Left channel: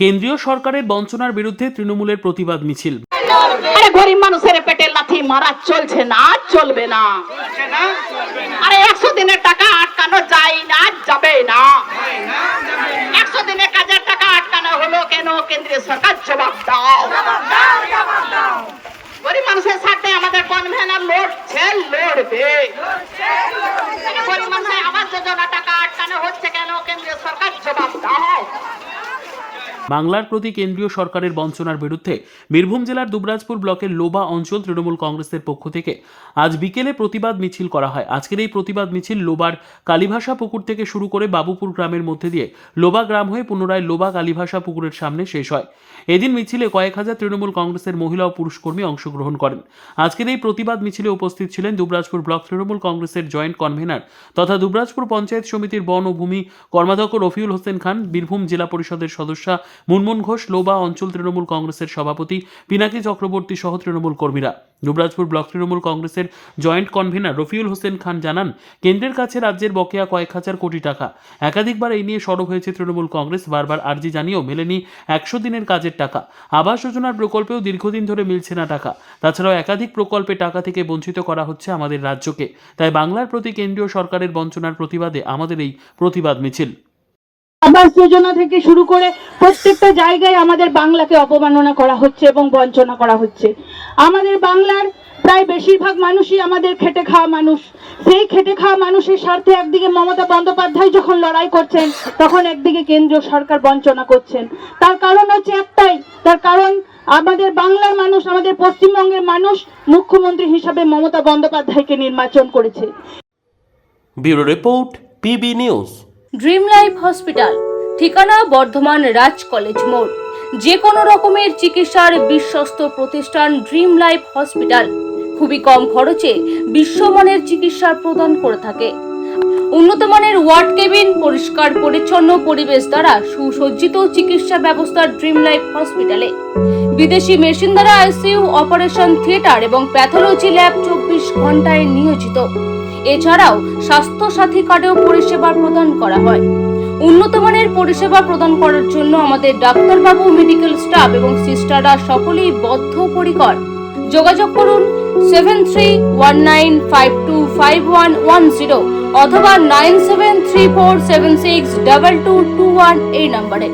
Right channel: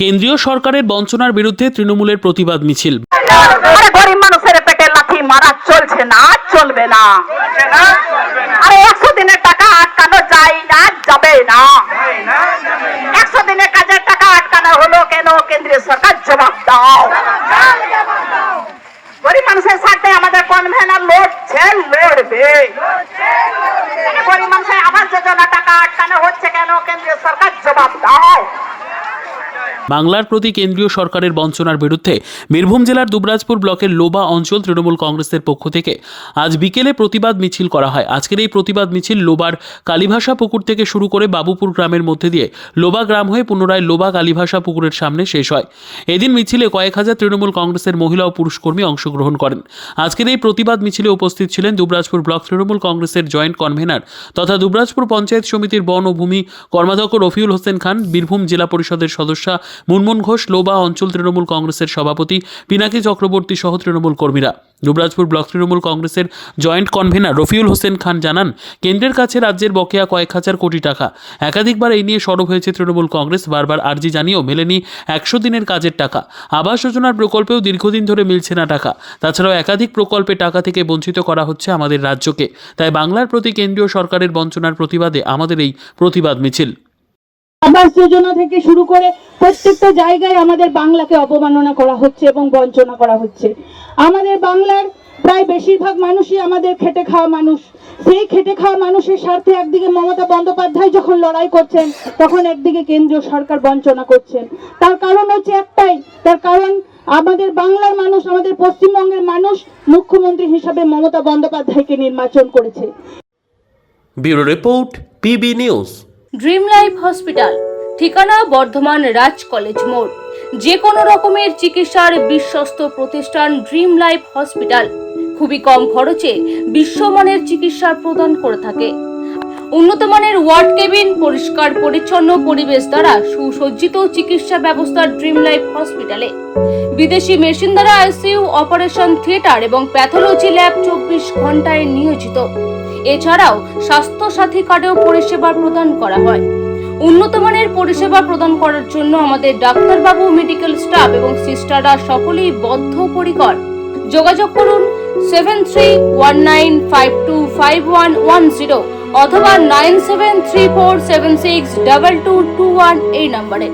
কেন্দ্রীয় সরকারের বঞ্চনার বিরুদ্ধে তৃণমূলের প্রতিবাদ মিছিল। গরিব মানুষের পেটে লাথি মারা চলছে না, চলবে না। আরে 100 দিনের টাকা আটকানো যায় না, যাবে না। 100 দিনের কাজের টাকা আটকানো হলো কেন? কেন্দ্রীয় সরকার জবাব দাও। গরিব মানুষের সাথে আমাদের কনভেনার লড়ছে, লড়বে। গরিব মানুষের আবাস যোজনা টাকা আটকানো হচ্ছে কেন? কেন্দ্রীয় সরকার জবাব দাও। বাংলার প্রতি কেন্দ্রীয় সরকারের বঞ্চনার বিরুদ্ধে বীরভূম জেলার দুবরাজপুর ব্লকের লোবা অঞ্চল তৃণমূল কংগ্রেসের পক্ষ থেকে আজ বিকেলে প্রতিবাদ মিছিল করা হয়। আজকের এই প্রতিবাদ মিছিল লোবার কালীভাষা পুকুর থেকে শুরু করে বাবুপুর গ্রামের মধ্যে দিয়ে লোবা গ্রাম হয়ে পুনরায় লোবা কালীভাষা পুকুরের সামনে শেষ হয়। এদিন মিছিলে কয়েক হাজার তৃণমূল কংগ্রেসের মহিলা ও পুরুষ কর্মী অংশগ্রহণ করেন। আজকের এই প্রতিবাদ মিছিলে উপস্থিত ছিলেন দুবরাজপুর ব্লক তৃণমূল কংগ্রেসের জয়েন্ট কনভেনার তথা দুবরাজপুর পঞ্চায়েত সমিতির বন ও ভূমি কর্মাধ্যক্ষ রফিউল হোসেন খান, বীরভূম জেলা পরিষদের সদস্যা মুনমুন ঘোষ, লোবা অঞ্চল তৃণমূল কংগ্রেসের সভাপতি পিনাকি চক্রবর্তী সহ তৃণমূল কর্মীরা। দুবরাজপুর ব্লক তৃণমূল কংগ্রেসের জয়েন্ট কনভেনার রফিউল হোসেন খান জানান, কেন্দ্রের কাছে রাজ্যের বকেয়া কয়েক হাজার কোটি টাকা। একাধিকবার এই নিয়ে সরব হয়েছে তৃণমূল কংগ্রেস, বারবার আর্জি জানিয়েও মেলেনি 100 দিনের কাজের টাকা। আবাস যোজনার প্রকল্পেও দীর্ঘদিন ধরে মিলছে না টাকা। তাছাড়াও একাধিক প্রকল্পে টাকা থেকে বঞ্চিত করা হচ্ছে আমাদের রাজ্যকে। তাই বাংলার প্রতি কেন্দ্রীয় সরকারের বঞ্চনার প্রতিবাদে আমাদের এই প্রতিবাদ মিছিল। আবাস যোজনা থেকে শুরু করে প্রত্যেকটা জায়গায় আমাদের বাংলাকে অপমাননা করা হচ্ছে এবং বঞ্চনা করা হচ্ছে। আমাদের বাংলার প্রায় বেশিরভাগ মানুষই আমাদের খেটে খাওয়া মানুষ। সেই খেটে খাওয়া মানুষের স্বার্থে একদিকে মমতা বন্দ্যোপাধ্যায় যখন লড়াই করছেন, তখন একদিকে কেন্দ্রীয় সরকার বঞ্চনা করছেন। তার কারণ হচ্ছে একটাই, তার কারণ আমাদের বাংলার মানুষ, আমাদের পশ্চিমবঙ্গের মানুষ মুখ্যমন্ত্রী হিসাবে মমতা বন্দ্যোপাধ্যায়কে নির্বাচন করেছে। Bureau report, PB news. Dream life hospital, ঠিকানা বর্ধমান রাজ কলেজ মোড়। যে কোনো রকমের চিকিৎসার বিশ্বস্ত প্রতিষ্ঠান ড্রিম লাইফ হসপিটাল খুবই কম খরচে বিশ্বমানের চিকিৎসা প্রদান করে থাকে। উন্নত মানের ওয়ার্ড কেবিন, পরিষ্কার পরিচ্ছন্ন পরিবেশ দ্বারা সুসজ্জিত চিকিৎসা ব্যবস্থা ড্রিম লাইফ হসপিটালে। বিদেশি মেশিন দ্বারা আইসিইউ, অপারেশন থিয়েটার এবং প্যাথোলজি ল্যাব 24 ঘন্টায় নিয়োজিত। এছাড়াও স্বাস্থ্য সাথী কার্ডেও পরিষেবা প্রদান করা হয়। উন্নত মানের পরিষেবা প্রদান করার জন্য আমাদের ডাক্তারবাবু, মেডিকেল স্টাফ এবং সিস্টাররা সকলেই বদ্ধপরিকর। যোগাযোগ করুন 7319525110 অথবা 9734762221 এই নম্বরে।